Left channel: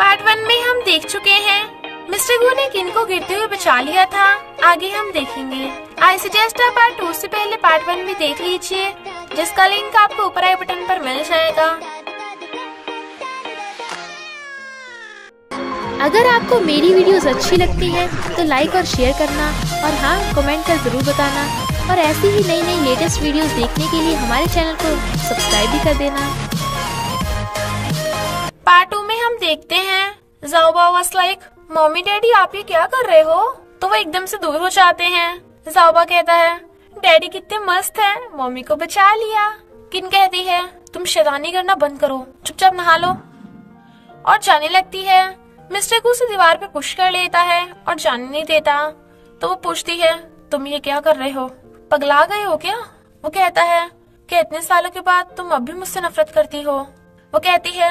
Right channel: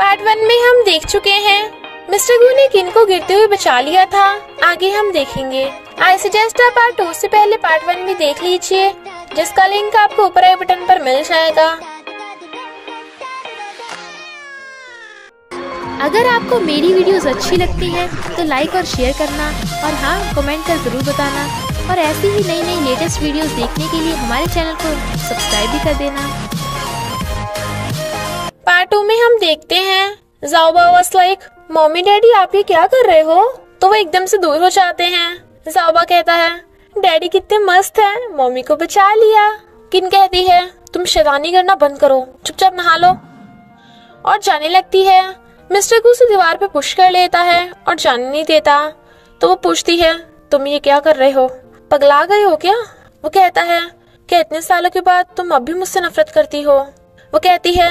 Part 1 में हम देख चुके हैं मिस्टर गू ने किन को गिरते हुए बचा लिया था। आगे हम देखेंगे। आई सजेस्ट आप पार्ट 2 से पहले पार्ट 1 भी देख लीजिए, जिसका लिंक आपको ऊपर आई बटन पर मिल जाएगा। अगर आपको मेरी वीडियोस अच्छी लगती है तो लाइक और शेयर करना, और हाँ, कमेंट कर जरूर बताना। और ऐसी ही नई नई लेटेस्ट वीडियोस देखने के लिए हमारे चैनल को सब्सक्राइब भी कर देना। पार्ट 2 में हम देखते हैं ज़ाओबा वाज लाइक, मम्मी डैडी आप ये क्या कर रहे हो? तो वो एकदम से दूर हो जाते हैं। ज़ाओबा कहता है डैडी कितने मस्त हैं, मम्मी को बचा लिया। किन कहती है तुम शैतानी करना बंद करो, चुपचाप नहा लो, और जाने लगती है। मिस्टर गू उसे दीवार पे पुश कर लेता है और जाने नहीं देता। तो वो पूछती है तुम ये क्या कर रहे हो, पगला गए हो क्या? वो कहता है कि इतने सालों के बाद तुम अब भी मुझसे नफरत करती हो। वो कहती है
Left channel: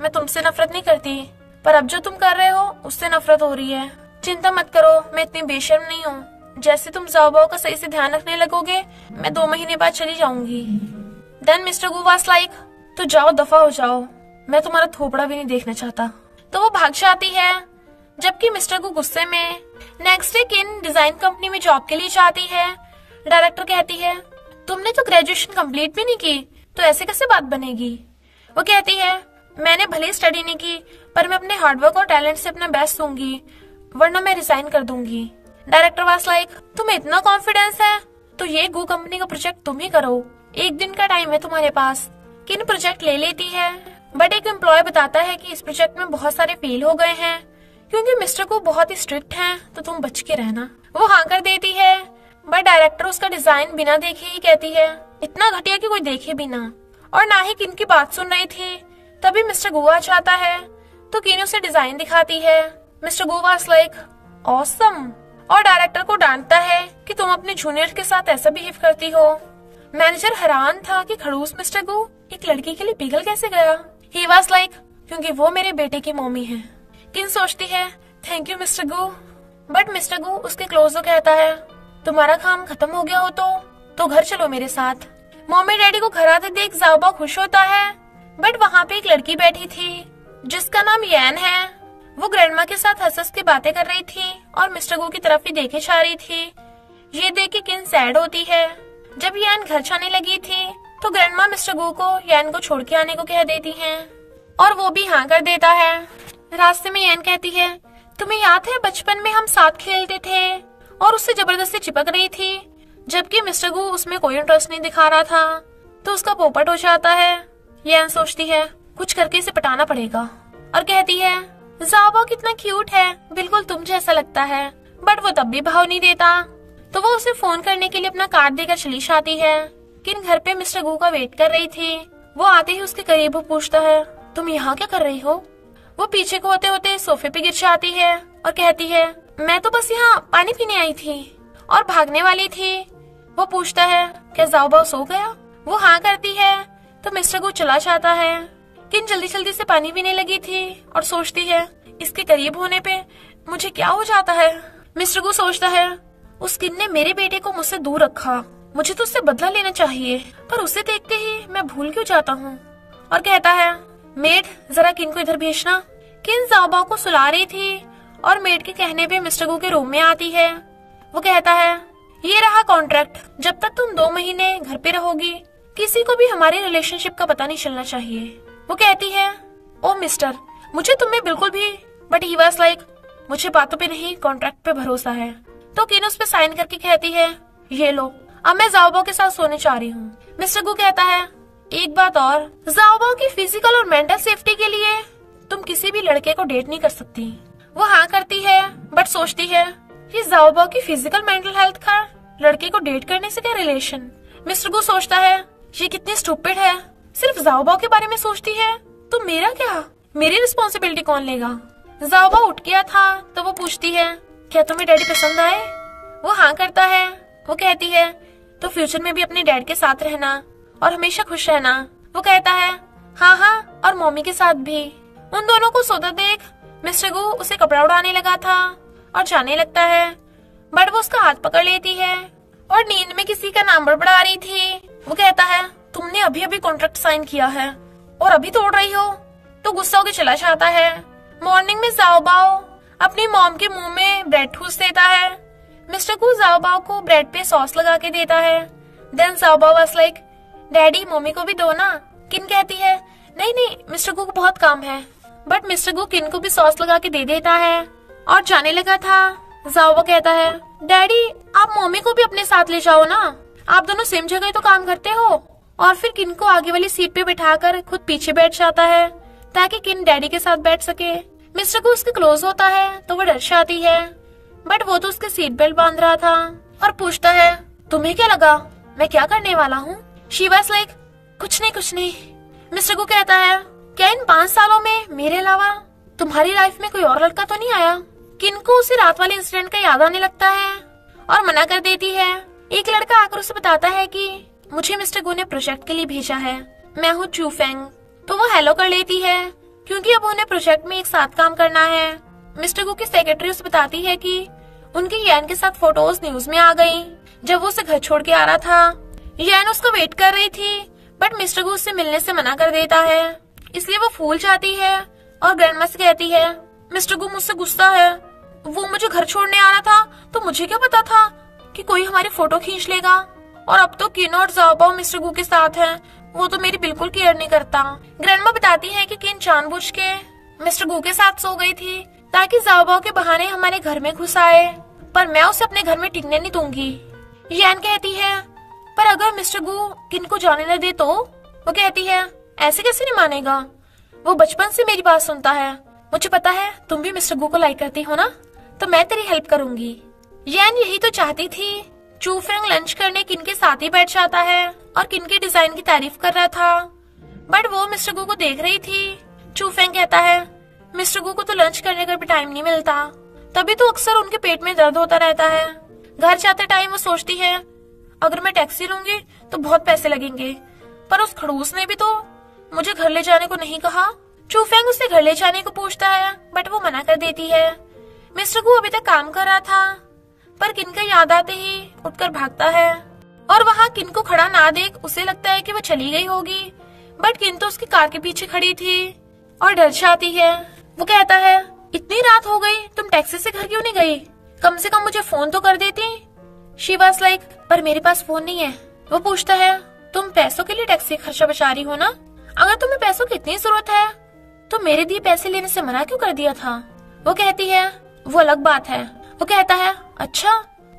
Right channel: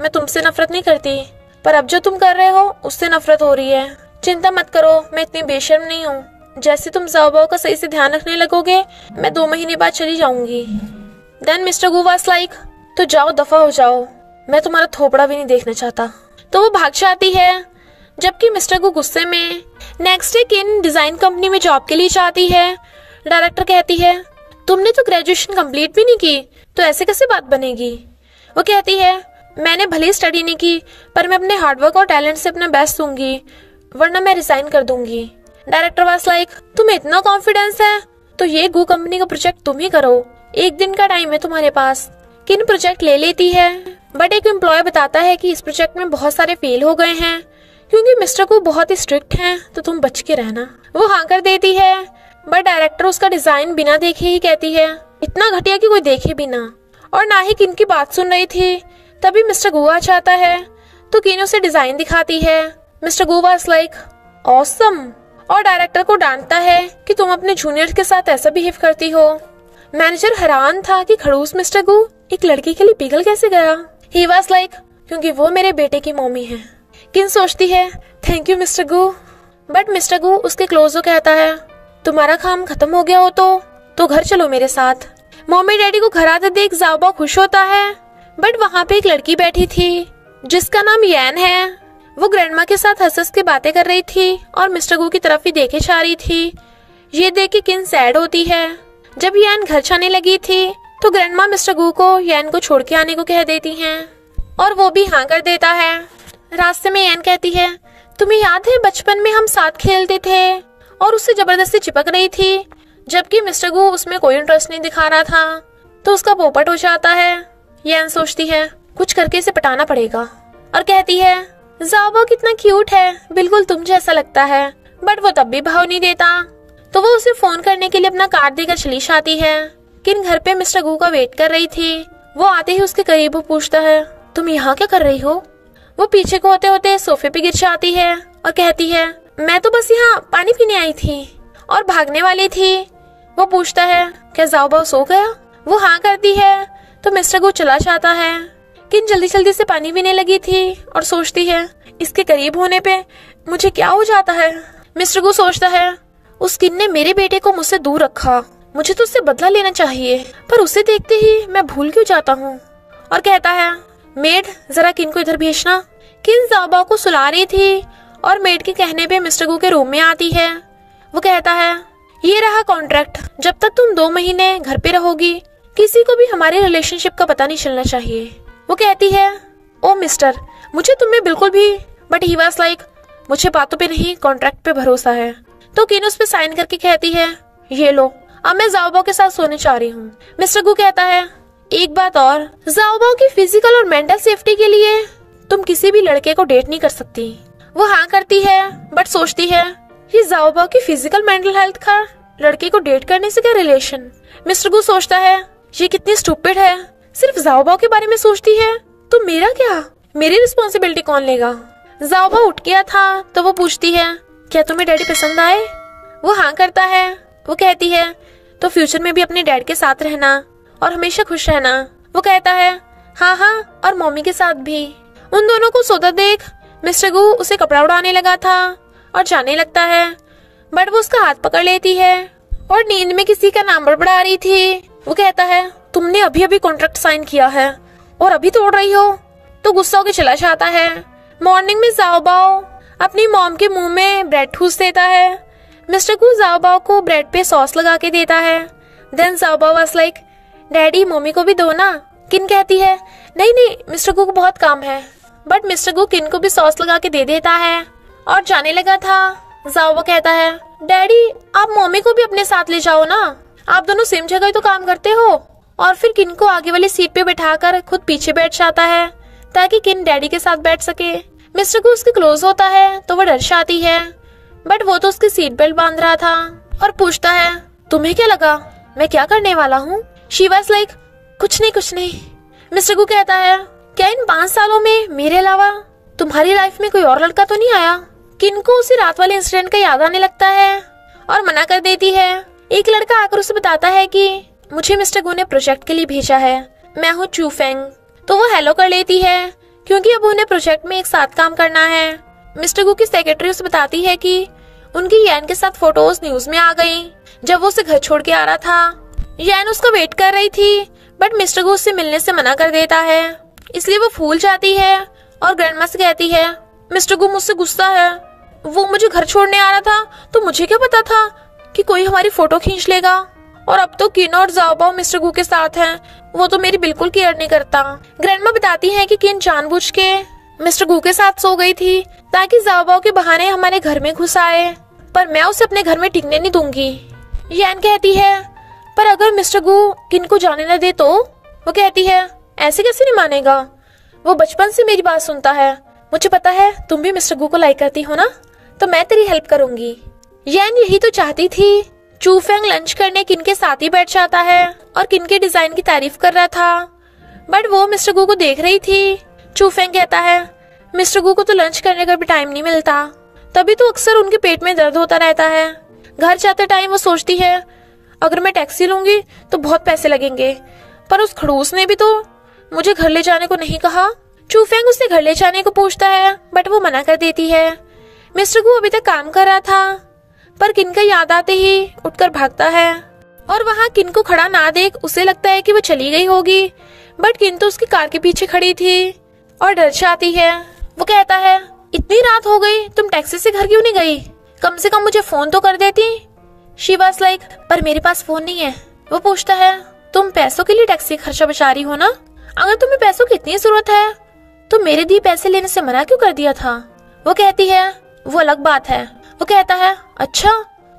मैं तुमसे नफरत नहीं करती, पर अब जो तुम कर रहे हो उससे नफरत हो रही है। चिंता मत करो, मैं इतनी बेशर्म नहीं हूँ। जैसे तुम ज़ाओबा का सही से ध्यान रखने लगोगे, मैं 2 महीने बाद चली जाऊंगी। Then mister Goo was like, तो जाओ दफा हो जाओ, मैं तुम्हारा थोपड़ा भी नहीं देखना चाहता। तो वो भाग जाती है। जबकि मिस्टर गू गुस्से में। नेक्स्ट डे किन डिजाइन कंपनी में जॉब के लिए जाती है। डायरेक्टर कहती है तुमने तो ग्रेजुएशन कंप्लीट भी नहीं की, तो ऐसे कैसे बात बनेगी? वो कहती है मैंने भले स्टडी नहीं की, पर मैं अपने हार्डवर्क और टैलेंट से अपना बेस्ट दूंगी, वरना मैं रिजाइन कर दूंगी। डायरेक्टर वाज लाइक, तुम्हें इतना कॉन्फिडेंस है तो ये गू कंपनी का प्रोजेक्ट तुम ही करो, 1 दिन का टाइम है तुम्हारे पास। किन प्रोजेक्ट ले लेती है, बट एक एम्प्लॉय बताता है कि इस प्रोजेक्ट में बहुत सारे फेल हो गए हैं क्योंकि मिस्टर गू बहुत ही स्ट्रिक्ट हैं, तो तुम बच के रहना। वो हाँ कर देती है, बट डायरेक्टर उसका डिजाइन बिना देखे ही कहती है इतना घटिया कि कोई देखे भी ना। और ना ही किन की बात सुन रही थी, तभी मिस्टर गू आ जाता है। तो किन उसे डिजाइन दिखाती है। Mister Goo was like awesome, और डायरेक्टर को डांटता है कि तुम अपने जूनियर्स के साथ ऐसा बिहेव करती हो। मैनेजर हैरान था कि खड़ूस मिस्टर गू एक लड़की के लिए पिघल कैसे गया। ही वाज लाइक, क्योंकि वो मेरे बेटे की मम्मी है। किन सोचती है thank you mister Gu, but mister Gu उसके क्लोज हो कहता है तुम्हारा काम खत्म हो गया हो तो घर चलो मेरे साथ। मम्मी डैडी को घर आते देख ज़ाओबा खुश होता है, बट वहाँ पे एक लड़की बैठी थी जिसका नाम यैन है। वो ग्रैंडमा के साथ हंस के बातें कर रही थी और मिस्टर गू की तरफ ही देखे जा रही थी। ये देख के किन सैड होती है। जब यैन घर जाने लगी थी तो ग्रैंडमा मिस्टर गू को यैन को छोड़ के आने को कह देती हैं, और वो भी हाँ कर देता है। रास्ते में यैन कहती है तुम्हें याद है बचपन में हम साथ खेलते थे, और उससे जबरदस्ती चिपक रही थी, जबकि मिस्टर गू उसमें कोई इंटरेस्ट नहीं दिखा रहा था। तो उसका पोपट हो जाता है। यैन सोचती है कुछ करके इसे पटाना पड़ेगा, और कहती है ज़ाओबा कितना क्यूट है, बिल्कुल तुम जैसा लगता है। बट वो तब भी भाव नहीं देता। तो वो उसे फोन करने के लिए अपना कार्ड देकर चली जाती है। किन घर पे मिस्टर गू का वेट कर रही थी। वो आते ही उसके करीब पूछता है तुम यहाँ क्या कर रही हो? वो पीछे को होते होते सोफे पे गिर जाती है और कहती है मैं तो बस यहाँ पानी पीने आई थी, और भागने वाली थी। वो पूछता है क्या ज़ाओबा सो गया? वो हाँ करती है। तो मिस्टर गू चला जाता है। किन जल्दी जल्दी से पानी पीने लगी थी और सोचती है इसके करीब होने पे मुझे क्या हो जाता है। मिस्टर गू सोचता है उस किन ने मेरे बेटे को मुझसे दूर रखा, मुझे तो उससे बदला लेना चाहिए, पर उसे देखते ही मैं भूल क्यों जाता हूँ। और कहता है मेड जरा किन को इधर भेजना। किन ज़ाओबा को सुला रही थी और मेड के कहने पे मिस्टर गू के रूम में आती है। वो कहता है ये रहा कॉन्ट्रैक्ट, जब तक तुम 2 महीने घर पे रहोगी किसी को भी हमारे रिलेशनशिप का पता नहीं चलना चाहिए। वो कहती है ओ मिस्टर, मुझे तुम में बिल्कुल भी, बट ही वाज लाइक मुझे बातों पे नहीं कॉन्ट्रैक्ट पे भरोसा है। तो किन उस पे साइन करके कहती है ये लो, अब मैं ज़ाओबा के साथ सोने चाह रही हूँ। मिस्टर गू कहता है एक बात और, ज़ाओबा की फिजिकल और मेंटल सेफ्टी के लिए तुम किसी भी लड़के को डेट नहीं कर सकती। वो हाँ करती है, बट सोचती है ये ज़ाओबा की फिजिकल मेंटल हेल्थ का लड़के को डेट करने से क्या रिलेशन। मिस्टर गू सोचता है ये कितनी स्टूपिड है, सिर्फ ज़ाओबा के बारे में सोचती है, तो मेरा क्या, मेरी रिस्पॉन्सिबिलिटी कौन लेगा। ज़ाओबा उठ गया था तो वो पूछती है क्या तुम्हें डैडी पसंद आए? वो हाँ करता है। वो कहती है तो फ्यूचर में भी अपने डैड के साथ रहना और हमेशा खुश रहना। वो कहता है हाँ हाँ, और मम्मी के साथ भी। उन दोनों को सोता देख मिस्टर गू उसे कपड़ा उड़ाने लगा था और जाने लगता है, बट वो उसका हाथ पकड़ लेती है और नींद में किसी का नाम बड़बड़ा रही थी। वो कहता है तुमने अभी अभी कॉन्ट्रैक्ट साइन किया है और अभी तोड़ रही हो। तो गुस्सा होकर चला जाता है। मॉर्निंग में जाओबाओ अपनी मॉम के मुंह में ब्रेड ठूस देता है। मिस्टर गू जाओबाओ को ब्रेड पे सॉस लगा के देता है। देन जाओबाओ वाज लाइक, डैडी मम्मी को भी दो ना। किन कहती है, नहीं नहीं मिस्टर गू को बहुत काम है। बट मिस्टर गू किन को भी सॉस लगा के दे देता है और जाने लगा था। जाओबाओ कहता है, डैडी आप मम्मी को भी अपने साथ ले जाओ ना, आप दोनों सेम जगह तो काम करते हो। और फिर किन को आगे वाली सीट पे बैठाकर खुद पीछे बैठ जाता है ताकि किन डैडी के साथ बैठ सके। मिस्टर गू उसके क्लोज होता है तो वो डर जाती है, बट वो तो उसकी सीट बेल्ट बांध रहा था और पूछता है, तुम्हें क्या लगा मैं क्या करने वाला हूँ? शी वाज लाइक, कुछ नहीं। मिस्टर गू कहता है, क्या इन 5 सालों में मेरे अलावा तुम्हारी लाइफ में कोई और लड़का तो नहीं आया? किन को उसे रात वाले इंसिडेंट का याद आने लगता है और मना कर देती है। एक लड़का आकर उसे बताता है कि मुझे मिस्टर गू ने प्रोजेक्ट के लिए भेजा है, मैं हूँ चू फेंग। तो वो हेलो कर लेती है क्योंकि अब उन्हें प्रोजेक्ट में एक साथ काम करना है। मिस्टर गू की सेक्रेटरी उसे बताती है कि उनकी यान के साथ फोटोज न्यूज में आ गई जब वो उसे घर छोड़ के आ रहा था। यान उसका वेट कर रही थी बट मिस्टर गू उससे मिलने से मना कर देता है, इसलिए वो फूल जाती है और ग्रैंडमा से कहती है, मिस्टर गू मुझसे गुस्सा है, वो मुझे घर छोड़ने आ रहा था तो मुझे क्या पता था कि कोई हमारी फोटो खींच लेगा। और अब तो किन और जाओबाओ मिस्टर गू के साथ हैं, वो तो मेरी बिल्कुल केयर नहीं करता। ग्रैंडमा बताती है कि किन जानबूझ के मिस्टर गू के साथ सो गई थी ताकि जाओबाओ के बहाने हमारे घर में घुस आए, पर मैं उसे अपने घर में टिकने नहीं दूंगी। यान कहती है, पर अगर मिस्टर गू किन को जाने न दे तो? वो कहती है, ऐसे कैसे नहीं मानेगा, वो बचपन से मेरी बात सुनता है, मुझे पता है तुम भी मिस्टर गू को लाइक करती हो ना, तो मैं तेरी हेल्प करूंगी। यान यही तो चाहती थी। चू फेंग लंच करने किन के साथ ही बैठ जाता है और किन के डिजाइन की तारीफ कर रहा था, बट वो मिस्टर गू को देख रही थी। चू फेंग कहता है, मिस्टर गू को तो लंच करने का भी टाइम नहीं मिलता, तभी तो अक्सर उनके पेट में दर्द होता रहता है। घर जाते टाइम वो सोचती है, अगर मैं टैक्सी लूंगी तो बहुत पैसे लगेंगे, पर उस खड़ूस ने भी तो मुझे घर ले जाने को नहीं कहा। चू फेंग उससे घर ले जाने को पूछता है बट वो मना कर देती है। मिस्टर गू अभी तक काम कर रहा था पर किन का याद आते ही उठकर भागता है और वहाँ किन को खड़ा ना देख उसे लगता है कि वो चली गई होगी, बट किन तो उसकी कार के पीछे खड़ी थी और डर जाती है। वो कहता है, इतनी रात हो गई तुम टैक्सी से घर क्यों नहीं गई, कम से कम मुझे फोन तो कर देती। शी वाज लाइक, पर मेरे पास फोन नहीं है। वो पूछता है, तुम पैसों के लिए टैक्सी खर्चा बचा रही हो ना, अगर तुम्हें पैसों की इतनी जरूरत है तो मेरे दिए पैसे लेने से मना क्यों कर दिया था? वो कहती है, वो अलग बात है। वो कहता है, अच्छा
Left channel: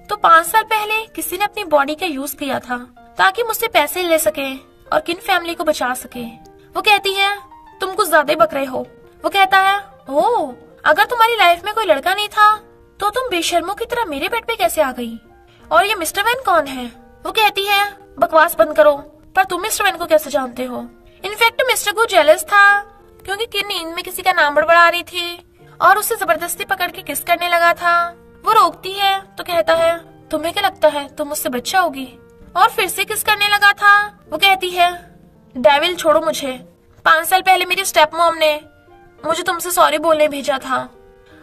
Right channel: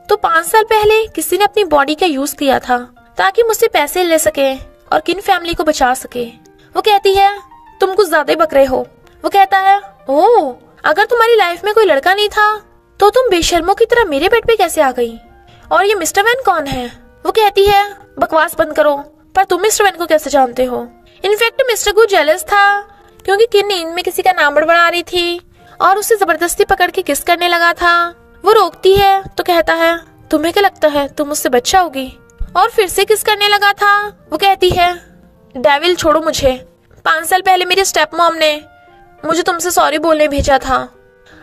तो 5 साल पहले किसी ने अपनी बॉडी का यूज किया था ताकि मुझसे पैसे ले सके और किन फैमिली को बचा सके। वो कहती है, तुम कुछ ज्यादा ही बक रहे हो। वो कहता है, ओह अगर तुम्हारी लाइफ में कोई लड़का नहीं था तो तुम बेशर्मों की तरह मेरे बेड पे कैसे आ गई, और ये मिस्टर वैन कौन है? वो कहती है, बकवास बंद करो, पर तुम मिस्टर वैन को कैसे जानते हो? इनफैक्ट मिस्टर गू जेलस था क्योंकि किन नींद में किसी का नाम बड़बड़ा रही थी और उसे जबरदस्ती पकड़ के किस करने लगा था। वो रोकती है तो कहता है, तुम्हें क्या लगता है तुम मुझसे बच जाओगी? और फिर से किस करने लगा था। वो कहती है, डेविल छोड़ो मुझे, 5 साल पहले मेरी स्टेप मॉम ने मुझे तुमसे सॉरी बोलने भेजा था,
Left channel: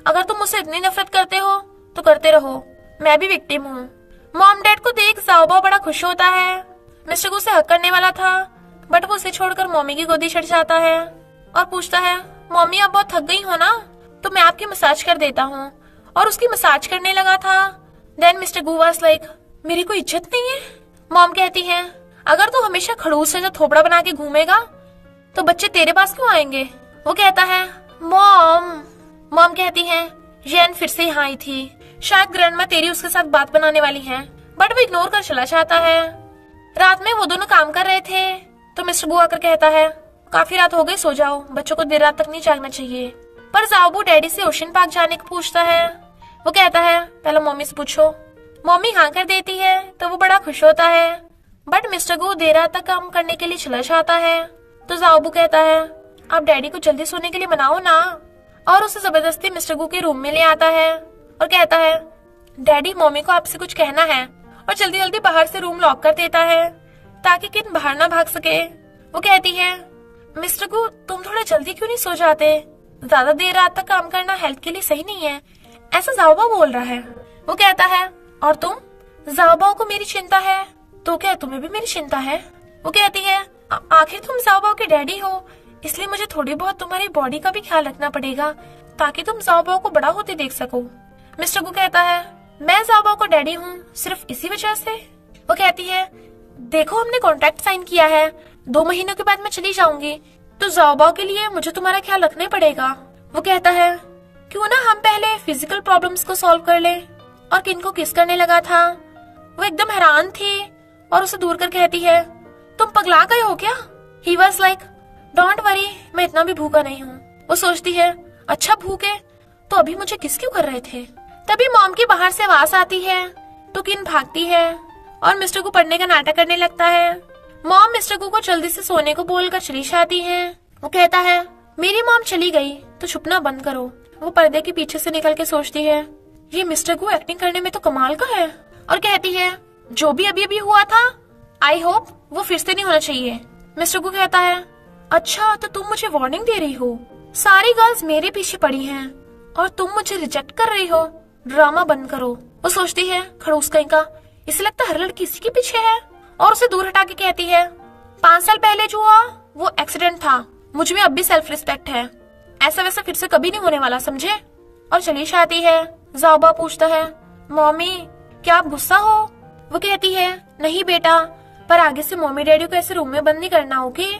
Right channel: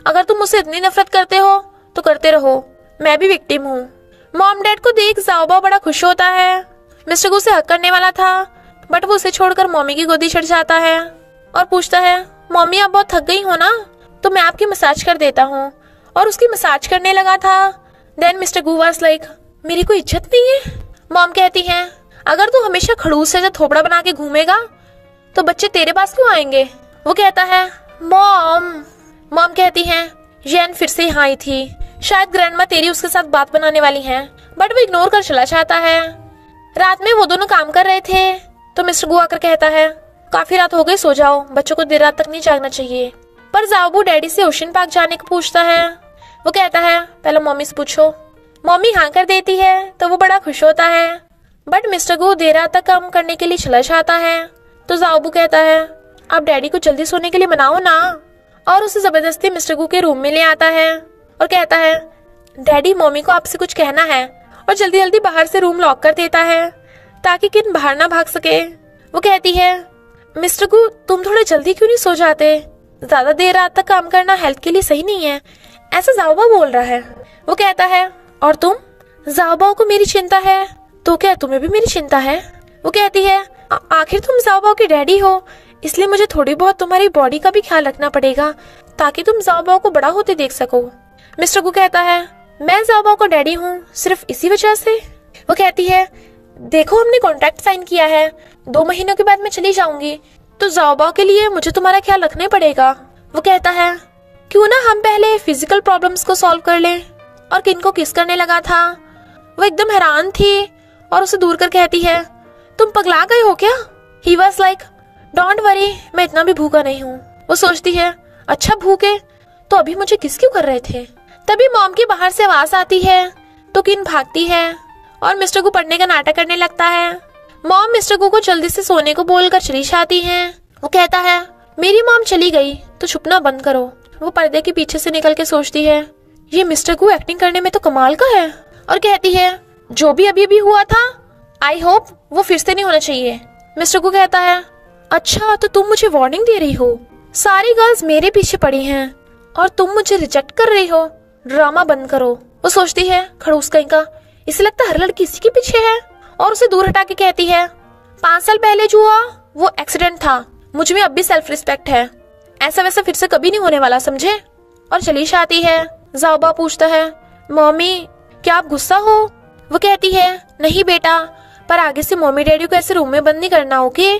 अगर तुम मुझसे इतनी नफरत करते हो तो करते रहो, मैं भी विक्टिम हूँ। मॉम डैड को देख जाओबा बड़ा खुश होता है। मिस्टर गू से हक करने वाला था बट वो उसे छोड़कर मम्मी की गोदी चढ़ जाता है और पूछता है, मम्मी आप बहुत थक गई हो ना, तो मैं आपकी मसाज कर देता हूँ, और उसकी मसाज करने लगा था। Then mister Goo was like, मेरी कोई इज्जत नहीं है? मॉम कहती है, अगर तू हमेशा खड़ूस से थोबड़ा बना के घूमेगा तो बच्चे तेरे पास क्यों आएंगे? वो कहता है, मॉम कहती है, येन फिर से यहाँ आई थी, शायद ग्रैंडमा तेरी उसके साथ बात बनाने वाली है, बट वो इग्नोर कर चला जाता है। रात में वो दोनों काम कर रहे थे तो मिस्टर गू आकर कहता है, काफी रात हो गई, सो जाओ, बच्चों को देर रात तक नहीं जागना चाहिए। पर जाओबू डैडी से ओशन पार्क जाने को पूछता है। वो कहता है, पहले मम्मी से पूछो। मम्मी हाँ कर देती है तो वो बड़ा खुश होता है, बट मिस्टर गू देर रात तक काम करने के लिए चला जाता है। तो जाओबू कहता है, आप डैडी को जल्दी सोने के लिए मनाओ ना, और उसे जबरदस्ती मिस्टर गू के रूम में ले आता है और कहता है, डैडी मम्मी को आपसे कुछ कहना है, और जल्दी जल्दी बाहर से रूम लॉक कर देता है ताकि किन बाहर ना भाग सके। वो कहती है, मिस्टर गू तुम थोड़ा जल्दी क्यों नहीं सो जाते, ज्यादा देर रात तक काम करना हेल्थ के लिए सही नहीं है, ऐसा जाओबा बोल रहा है। वो कहता है, और तुम? जाओबाओ को मेरी चिंता है तो क्या तुम्हें भी मेरी चिंता है? वो कहती है, आखिर तुम जाओबाओ के डैडी हो, इसलिए मुझे थोड़ी बहुत तुम्हारी बॉडी का भी ख्याल रखना पड़ेगा ताकि तुम ज़ाओबाओ को बड़ा होते देख सको। मिस्टर गु कहता है, मैं ज़ाओबाओ को डैडी हूँ सिर्फ इसी वजह से। वो कहती है, देखो हमने कॉन्ट्रैक्ट साइन किया है, 2 महीनों के बाद मैं चली जाऊंगी, तो ज़ाओबाओ के लिए मुझे तुम्हारा ख्याल रखना पड़ेगा। वो कहता है, क्यों ना हम पहले फिजिकल प्रॉब्लम्स को सॉल्व कर लें। और किन को किस करने लगा था। वो एकदम हैरान थी और उसे दूर कर कहती है, तुम पगला गए हो क्या? He was like, don't worry, मैं इतना भी भूखा नहीं हूँ। वो सोचती है, अच्छा भूखे तो अभी मुझे किस क्यों कर रहे थे। तभी मॉम की बाहर से आवाज आती है तो किन भागती है और मिस्टर गु पढ़ने का नाटक करने लगता है। मॉम मिस्टर गु को जल्दी से सोने को बोलकर चली आती है। वो कहता है, मेरी मॉम चली गई तो छुपना बंद करो। वो पर्दे के पीछे से निकल के सोचती है, ये मिस्टर गु एक्टिंग करने में तो कमाल का है। और कहती है, जो भी अभी हुआ था आई होप वो फिर से नहीं होना चाहिए। मिस्टर गु कहता है, अच्छा तो तुम मुझे वार्निंग दे रही हो, सारी गर्ल्स मेरे पीछे पड़ी हैं और तुम मुझे रिजेक्ट कर रही हो, ड्रामा बंद करो। वो सोचती है, खड़ूस कहीं का, इसे लगता हर लड़की इसी के पीछे है। और उसे दूर हटा के कहती है, 5 साल पहले जो हुआ वो एक्सीडेंट था, मुझ में अब भी सेल्फ रिस्पेक्ट है, ऐसा वैसा फिर से कभी नहीं होने वाला, समझे। और चली आती है। ज़ाओबा पूछता है, मम्मी क्या आप गुस्सा हो? वो कहती है, नहीं बेटा, पर आगे से मम्मी डैडी को ऐसे रूम में बंद नहीं करना, ओके।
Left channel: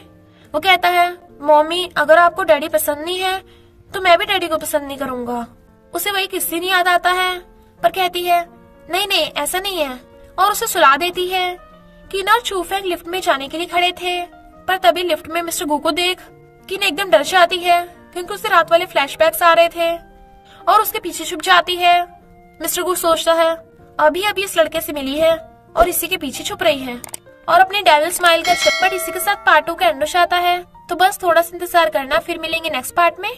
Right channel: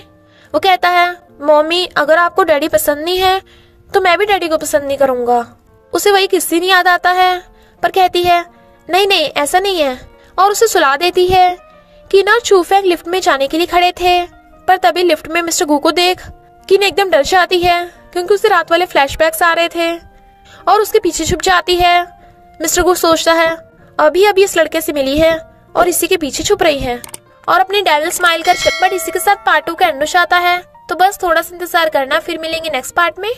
वो कहता है, मम्मी अगर आपको डैडी पसंद नहीं है तो मैं भी डैडी को पसंद नहीं करूंगा। उसे वही किस्सा नहीं याद आता है पर कहती है, नहीं नहीं ऐसा नहीं है। और उसे सुला देती है कि ना चूफेंग लिफ्ट में जाने के लिए खड़े थे, पर तभी लिफ्ट में मिस्टर गु को देख किन एकदम डर जाती है क्योंकि उसे रात वाले फ्लैशबैक्स आ रहे थे और उसके पीछे छुप जाती है। मिस्टर गु सोचता है, अभी अभी इस लड़के से मिली है और इसी के पीछे छुप रही है और अपनी डेविल स्माइल कर चटपट इसी के साथ पार्ट 2 का एंड हो जाता है। तो बस थोड़ा सा इंतजार करना, फिर मिलेंगे नेक्स्ट पार्ट में।